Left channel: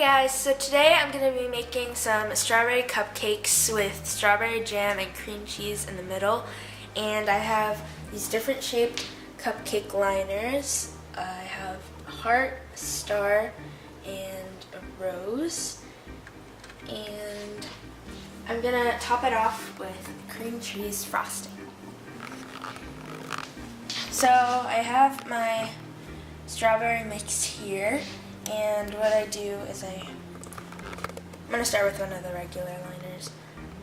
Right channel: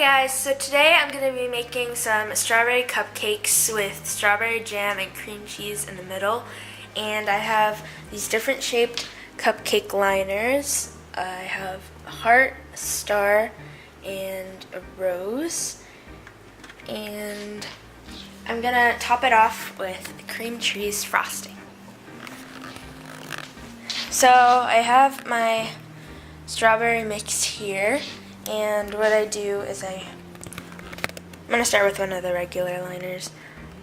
Hey guys, so today I'm going to be making some strawberry cupcakes with strawberry jam and cream cheese in the middle. And I have these different shaped cupcake liners. I have a heart, a star, and a rose. And I'm going to top it off with cream cheese frosting. So I have my strawberry mix here. And what I do is I'm going to start with one of the regular liners.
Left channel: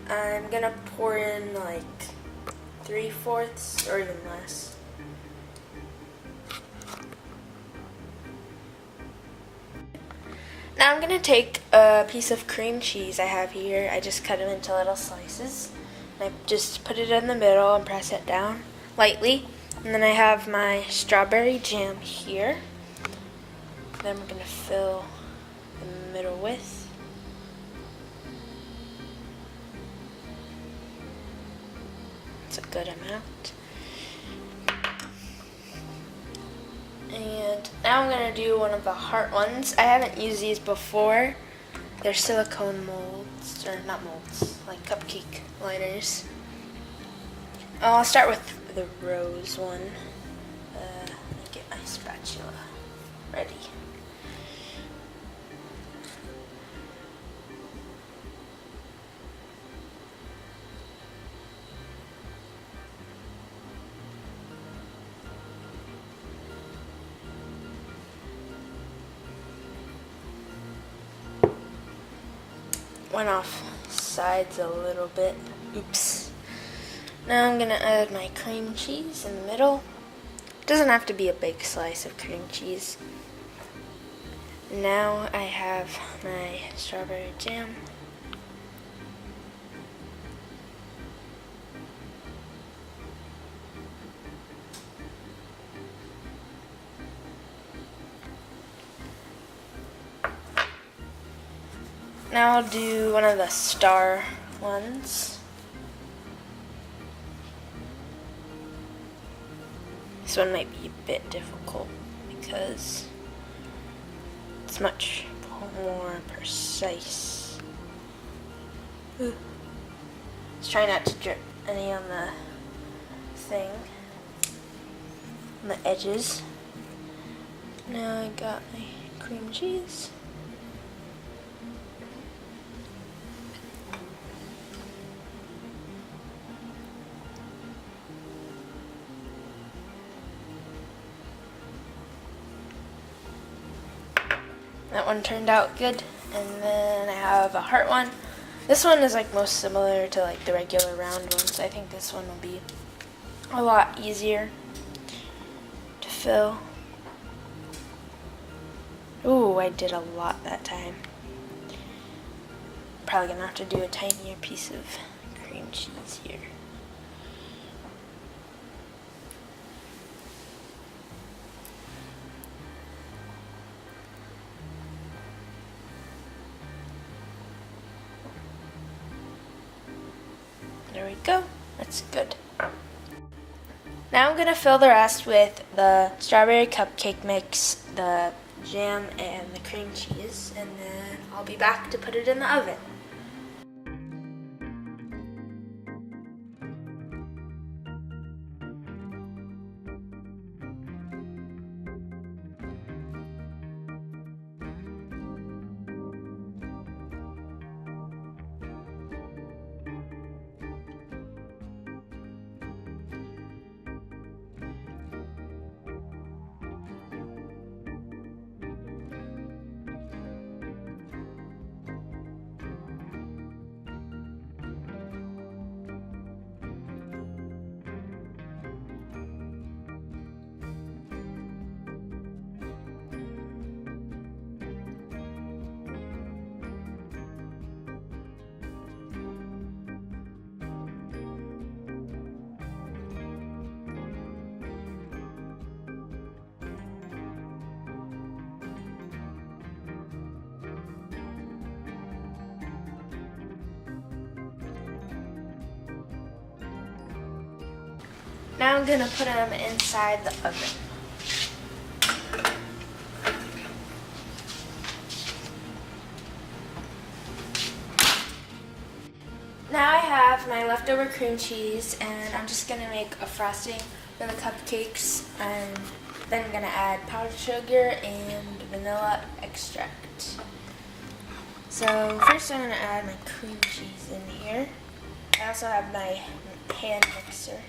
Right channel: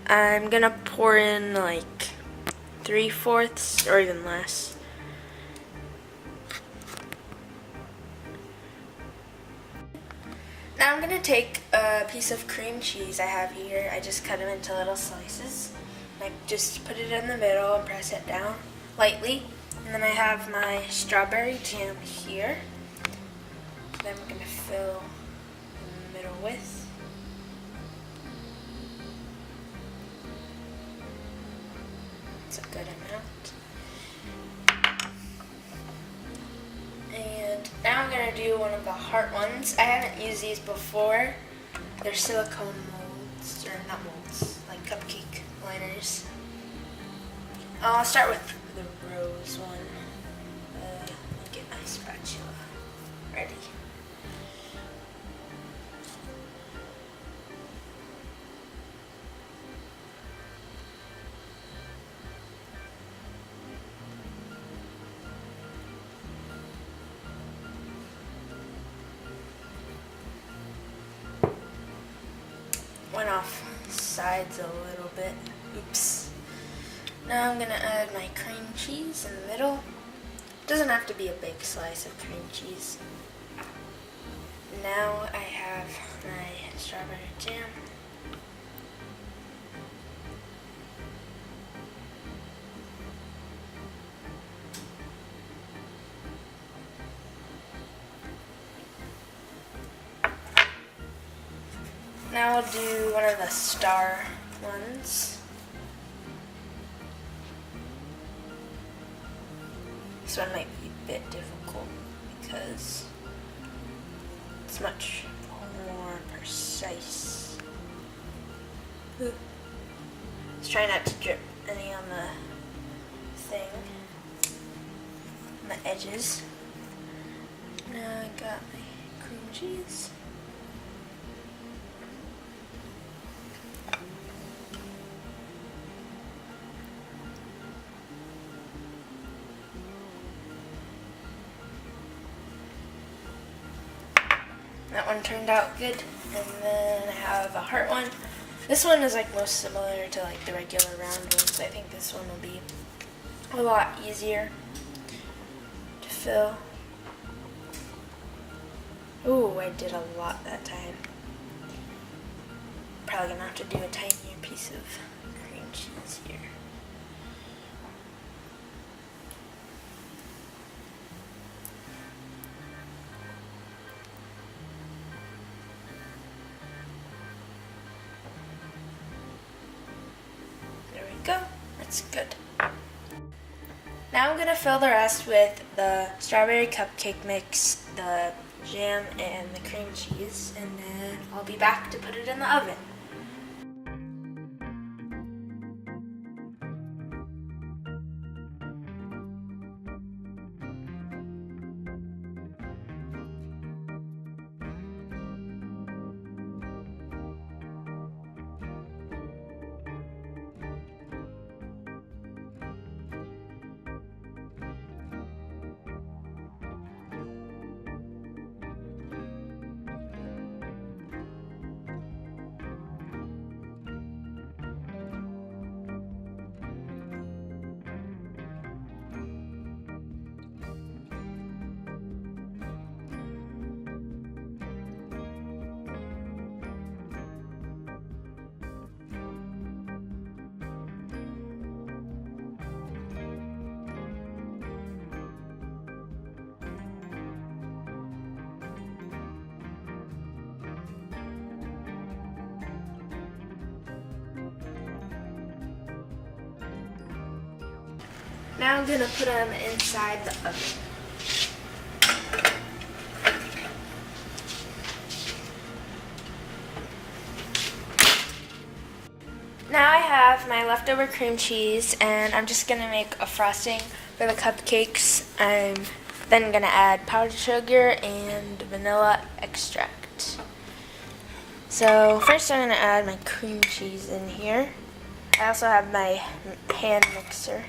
I'm going to pour in like 3/4 or even less. Now I'm going to take a piece of cream cheese I have here. I just cut them into little slices. And I just put it in the middle and press it down lightly. And then I have my strawberry jam here. Then I'm going to fill in the middle with. It's a good amount. And now I'm going to do one of the heart ones. I haven't used these before. They're silicone molds, or not molds, like cupcake liners. I'll start with the rose one. Let me get my spatula ready. Went off sides a little bit. Oops. Now I'm going to add my cream cheese in the middle. It doesn't have to be a big slice of cream cheese. Now I have my strawberry jam. Now I'll do one of the star ones. This one might be a bit difficult because it's much more precise. Ooh. Let's try not to drip any on the thing, on the edges. Now I got my cream cheese. That one turned out good. And then I have a heart one. This one is like most similar to like the regular round ones. I think this one will be a lot easier to fill. Ooh, I did a lot that time. Probably gonna have to do a tinier piece of cream cheese here. There we go. That's good. Now I'm going to fill the rest with the strawberry cupcake mix, the jam, and the cream cheese, and then I'll be back to put it in the oven. Now I'm going to put them inside the oven. have my leftover cream cheese, and I'm just gonna make a frosting for the cupcakes. I'm then gonna add powdered sugar and vanilla extract. So first I'm gonna add my cream cheese in here. I also have my hand mixer.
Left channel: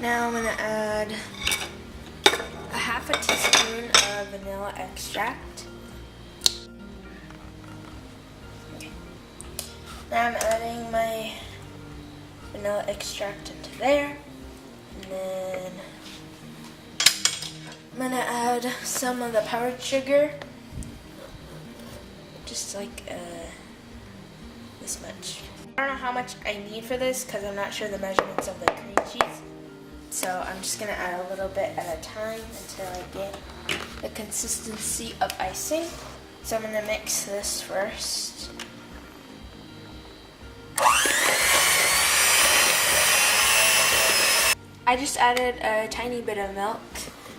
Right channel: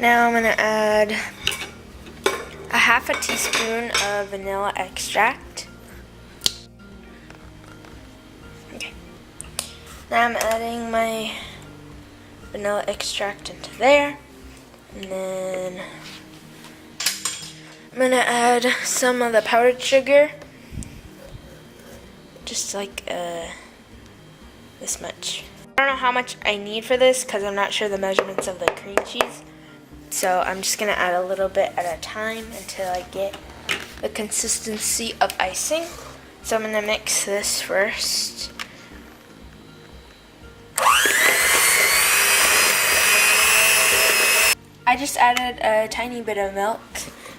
Now I'm going to add a half a teaspoon of vanilla extract. Okay. Now I'm adding my vanilla extract into there. And then I'm going to add some of the powdered sugar. Just like this much. I don't know how much I need for this because I'm not sure the measurements of the cream cheese. So I'm just gonna add a little bit at a time until I get the consistency of icing. So I'm gonna mix this first. I just added a tiny bit of milk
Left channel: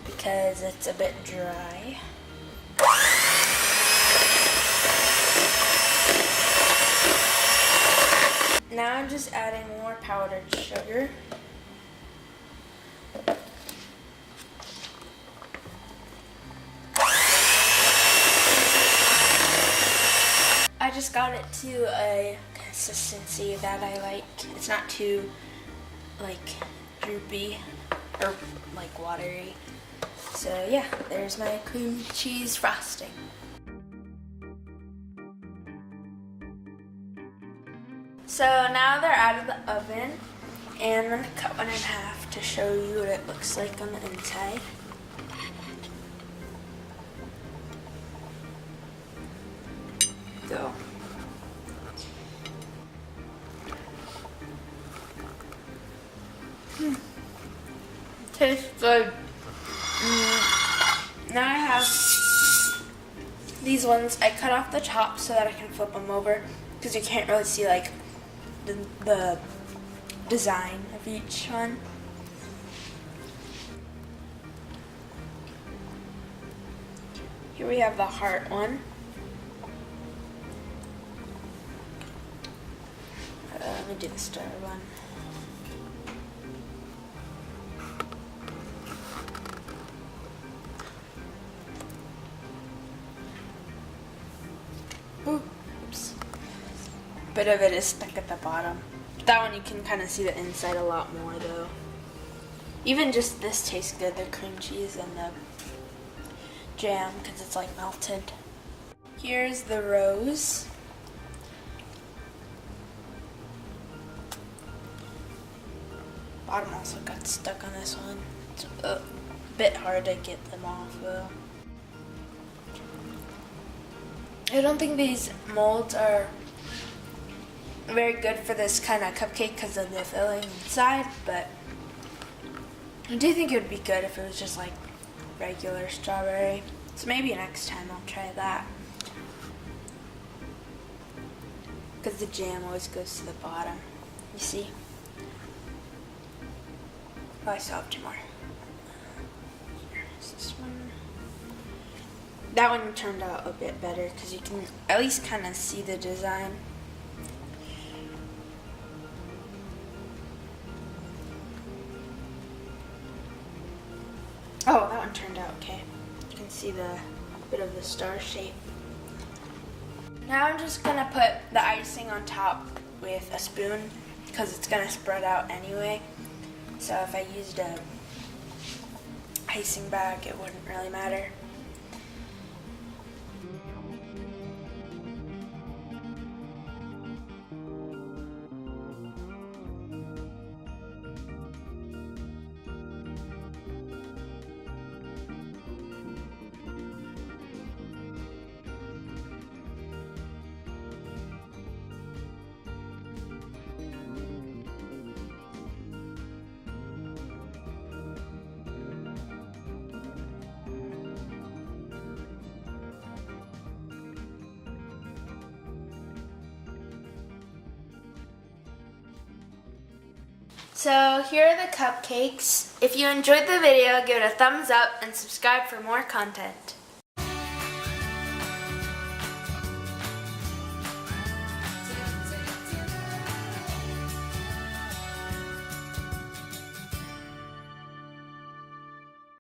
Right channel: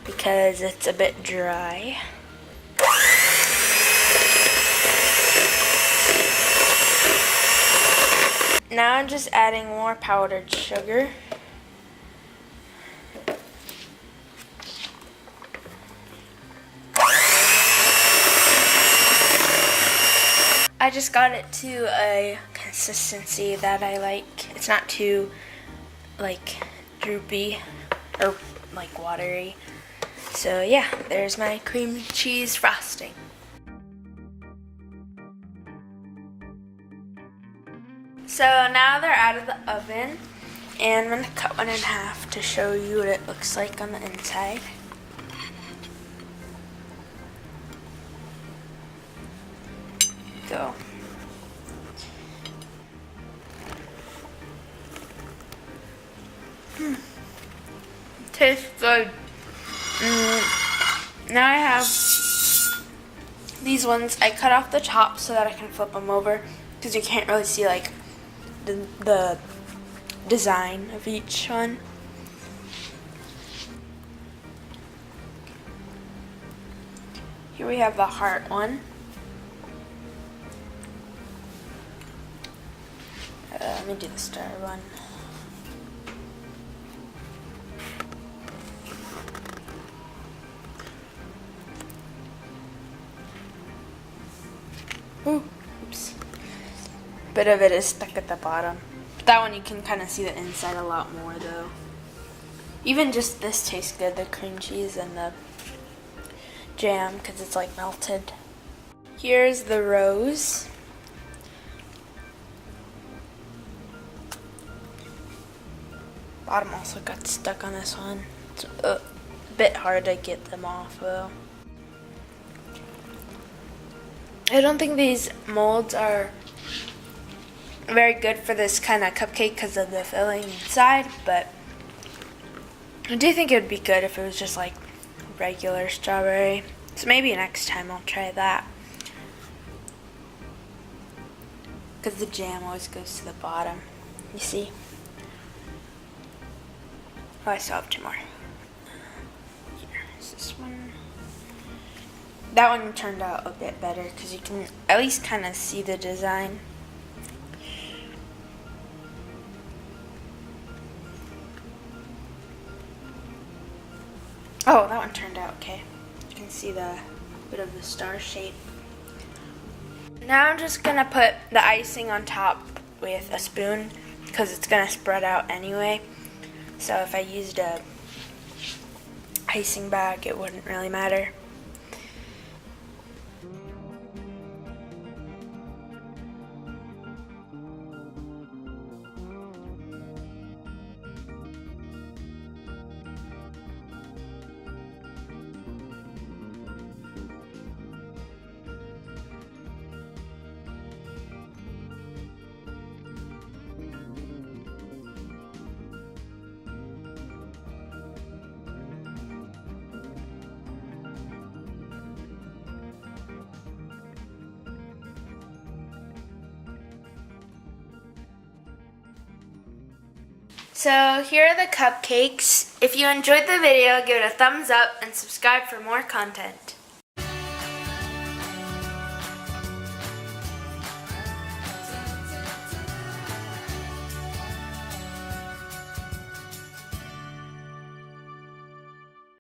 because it's a bit dry. Now I'm just adding more powdered sugar. I just got it to a consistency that I like. It's not too like droopy or like watery. So yeah, there's my cream cheese frosting. So now they're out of the oven, and I'm gonna cut one in half to show you what it looks like on the inside. Go. Tastes good. Now I have these ones. I cut off the top so that I can flip them over because you can't really see like the design of each one. Here we have the heart one. Let me do the star one. Oops. Bit of it is stuck at the bottom. That one you can kind of see the inside a lot more though. Even just this tastes good, the cream cheese and the jam, because it's like melted. Here's the rose. Bottom also got stuck on this one. It's a bit hard to get them off though. I don't think these molds are very good for this kind of cupcake because of the filling inside, but I do think it would be good if it was just like regular strawberry. So maybe next time I'll try that. Because the jam always goes to the bottom. You see? Oh, I still have two more. Here's this one. That one turned out a bit better because you can at least kind of see the design. Oh, that one turned out okay. You can see the bit of the star shape. Now I'm just gonna put the icing on top with a spoon because it's gonna spread out anyway. So if I used a icing bag, it wouldn't really matter. So here are the cupcakes. If you enjoyed the video, give it a thumbs up and subscribe for more content.